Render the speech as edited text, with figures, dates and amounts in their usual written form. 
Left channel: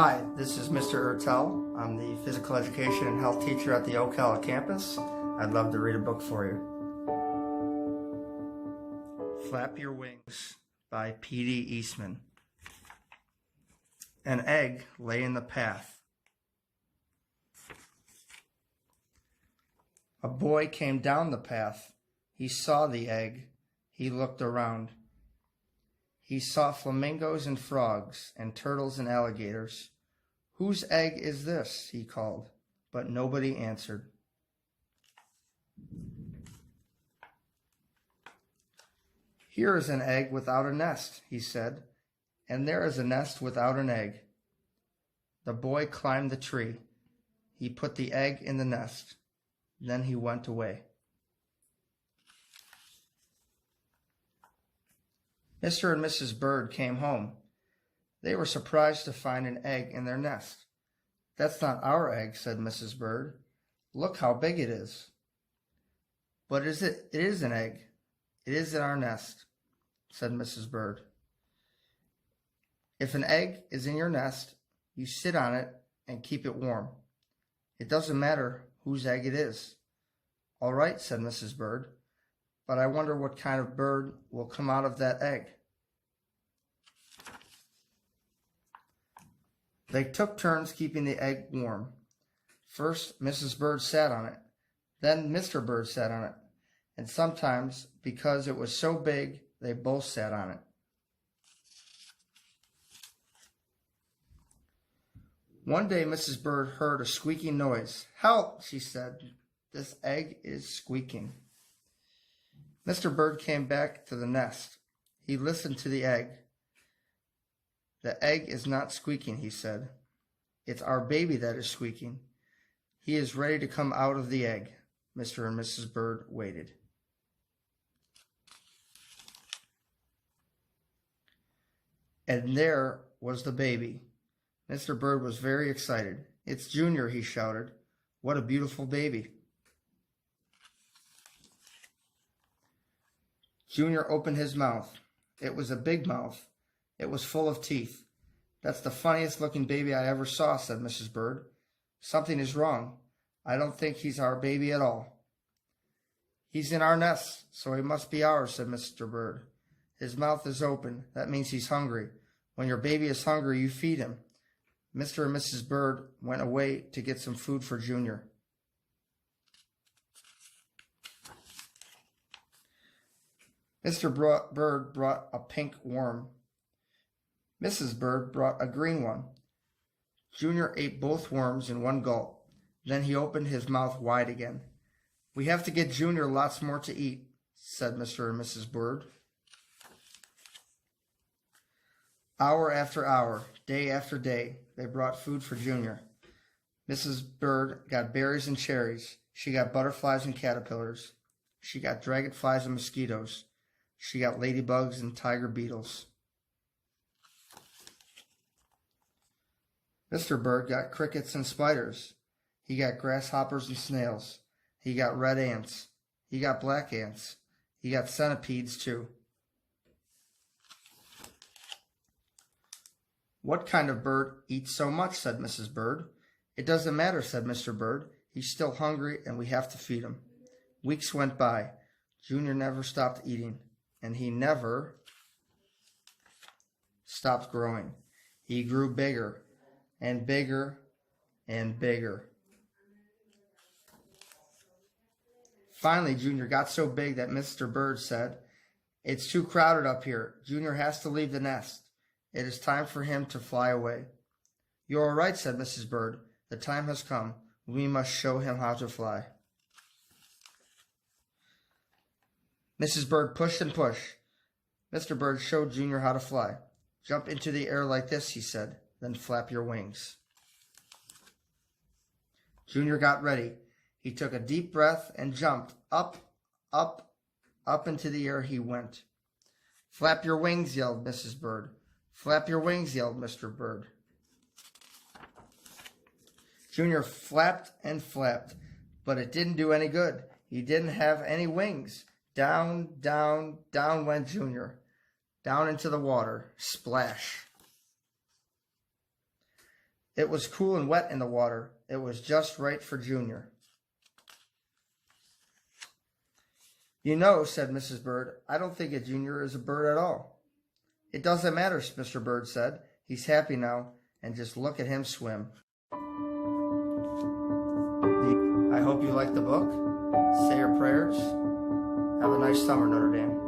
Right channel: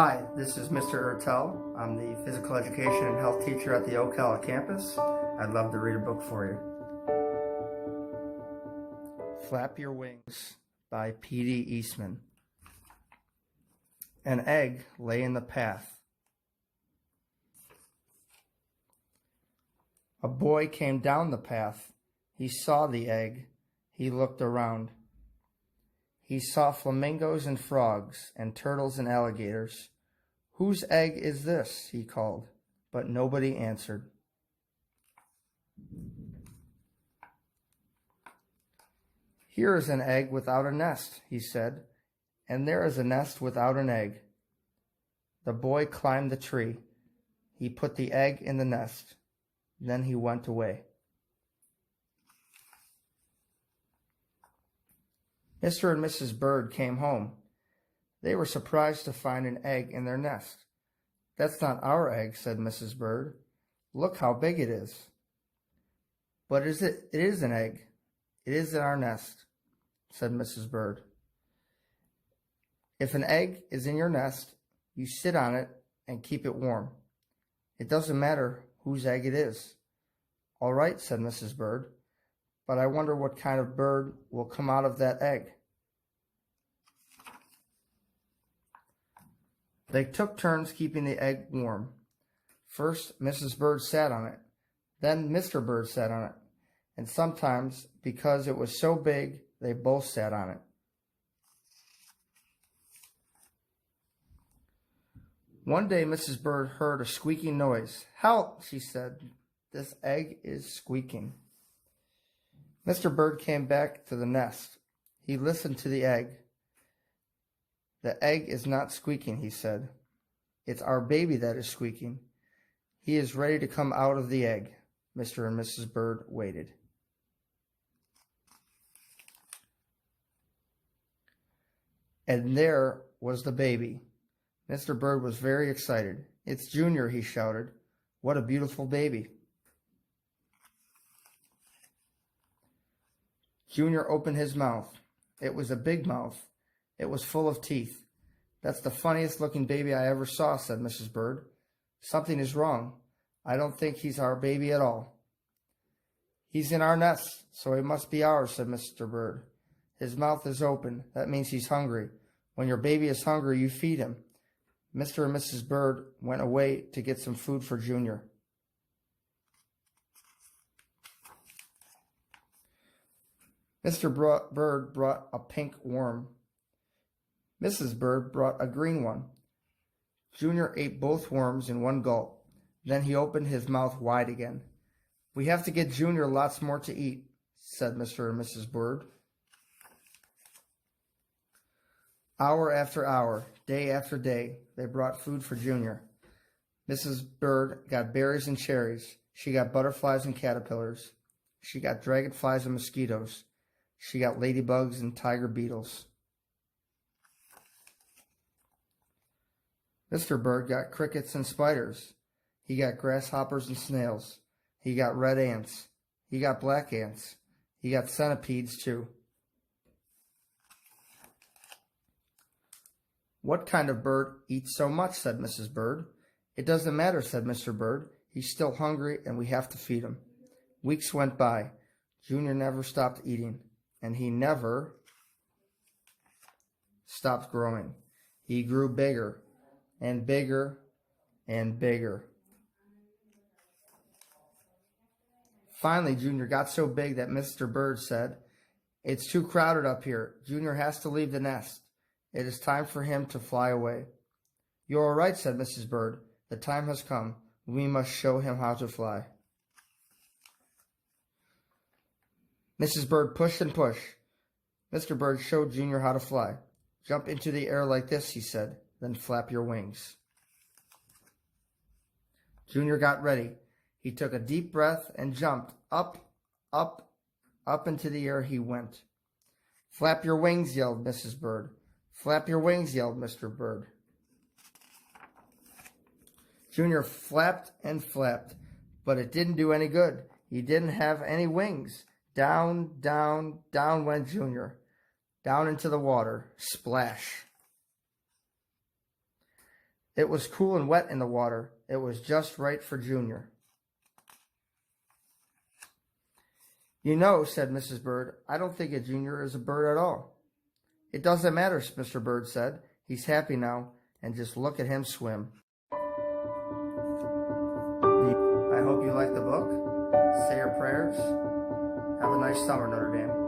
Hi, this is Mr. Ertel. I'm the physical education and health teacher at the Ocala campus. I'd love to read a book for you. Flap Your Wings by P.D. Eastman. An egg lay in the path. A boy came down the path. He saw the egg. He looked around. He saw flamingos and frogs and turtles and alligators. "Whose egg is this?" he called, but nobody answered. "Here is an egg without a nest," he said, "and there is a nest without an egg." The boy climbed the tree. He put the egg in the nest. Then he went away. Mr. and Mrs. Bird came home. They were surprised to find an egg in their nest. "That's not our egg," said Mrs. Bird. "Look how big it is." "But it is an egg. It is in our nest," said Mrs. Bird. "If an egg is in your nest, you sit on it and keep it warm. It doesn't matter whose egg it is." "All right," said Mrs. Bird, "but I wonder what kind of bird will come out of that egg." They took turns keeping the egg warm. First, Mrs. Bird sat on it. Then Mr. Bird sat on it. And sometimes, because it was so big, they both sat on it. One day, Mrs. Bird heard a squeaking noise. "Help!" she said. "This egg is squeaking." Mr. Bird came back to the nest. He listened to the egg. "The egg is not squeaking," he said. "It's our baby that is squeaking. He is ready to come out of the egg." Mr. and Mrs. Bird waited. And there was the baby. Mr. Bird was very excited. "It's Junior," he shouted. "What a beautiful baby." Junior opened his mouth. It was a big mouth. It was full of teeth. "That's the funniest looking baby I ever saw," said Mrs. Bird. "Something is wrong. I don't think he's our baby at all." "He's in our nest, so he must be ours," said Mr. Bird. "His mouth is open. That means he's hungry. When your baby is hungry, you feed him." Mr. and Mrs. Bird went away to get some food for Junior. Mr. Bird brought a pink worm. Mrs. Bird brought a green one. Junior ate both worms in one gulp. Then he opened his mouth wide again. "We have to get Junior lots more to eat," said Mr. and Mrs. Bird. Hour after hour, day after day, they brought food for Junior. Mrs. Bird got berries and cherries. She got butterflies and caterpillars. She got dragonflies and mosquitoes. She got ladybugs and tiger beetles. Mr. Bird got crickets and spiders. He got grasshoppers and snails. He got red ants. He got black ants. He got centipedes too. "What kind of bird eats so much?" said Mrs. Bird. "It doesn't matter," said Mr. Bird. "He's still hungry and we have to feed him." Weeks went by. Junior never stopped eating, and he never stopped growing. He grew bigger and bigger and bigger. Finally, Junior got so big that Mr. Bird said, "It's too crowded up here. Junior has to leave the nest. It is time for him to fly away." "You are right," said Mrs. Bird. "The time has come. We must show him how to fly." Mrs. Bird pushed and pushed. Mr. Bird showed Junior how to fly. "Jump into the air like this," he said, "then flap your wings." Junior got ready. He took a deep breath and jumped. Up, up, up into the air he went. "Flap your wings," yelled Mrs. Bird. "Flap your wings," yelled Mr. Bird. Junior flapped and flapped, but it didn't do any good. He didn't have any wings. Down, down, down went Junior. Down into the water. Splash. It was cool and wet in the water. It was just right for Junior. You know, said Mrs. Bird, I don't think a Junior is a bird at all. It doesn't matter, Mr. Bird said. He's happy now, and just look at him swim. I hope you like the book. Say your prayers. Have a nice summer, Notre Dame.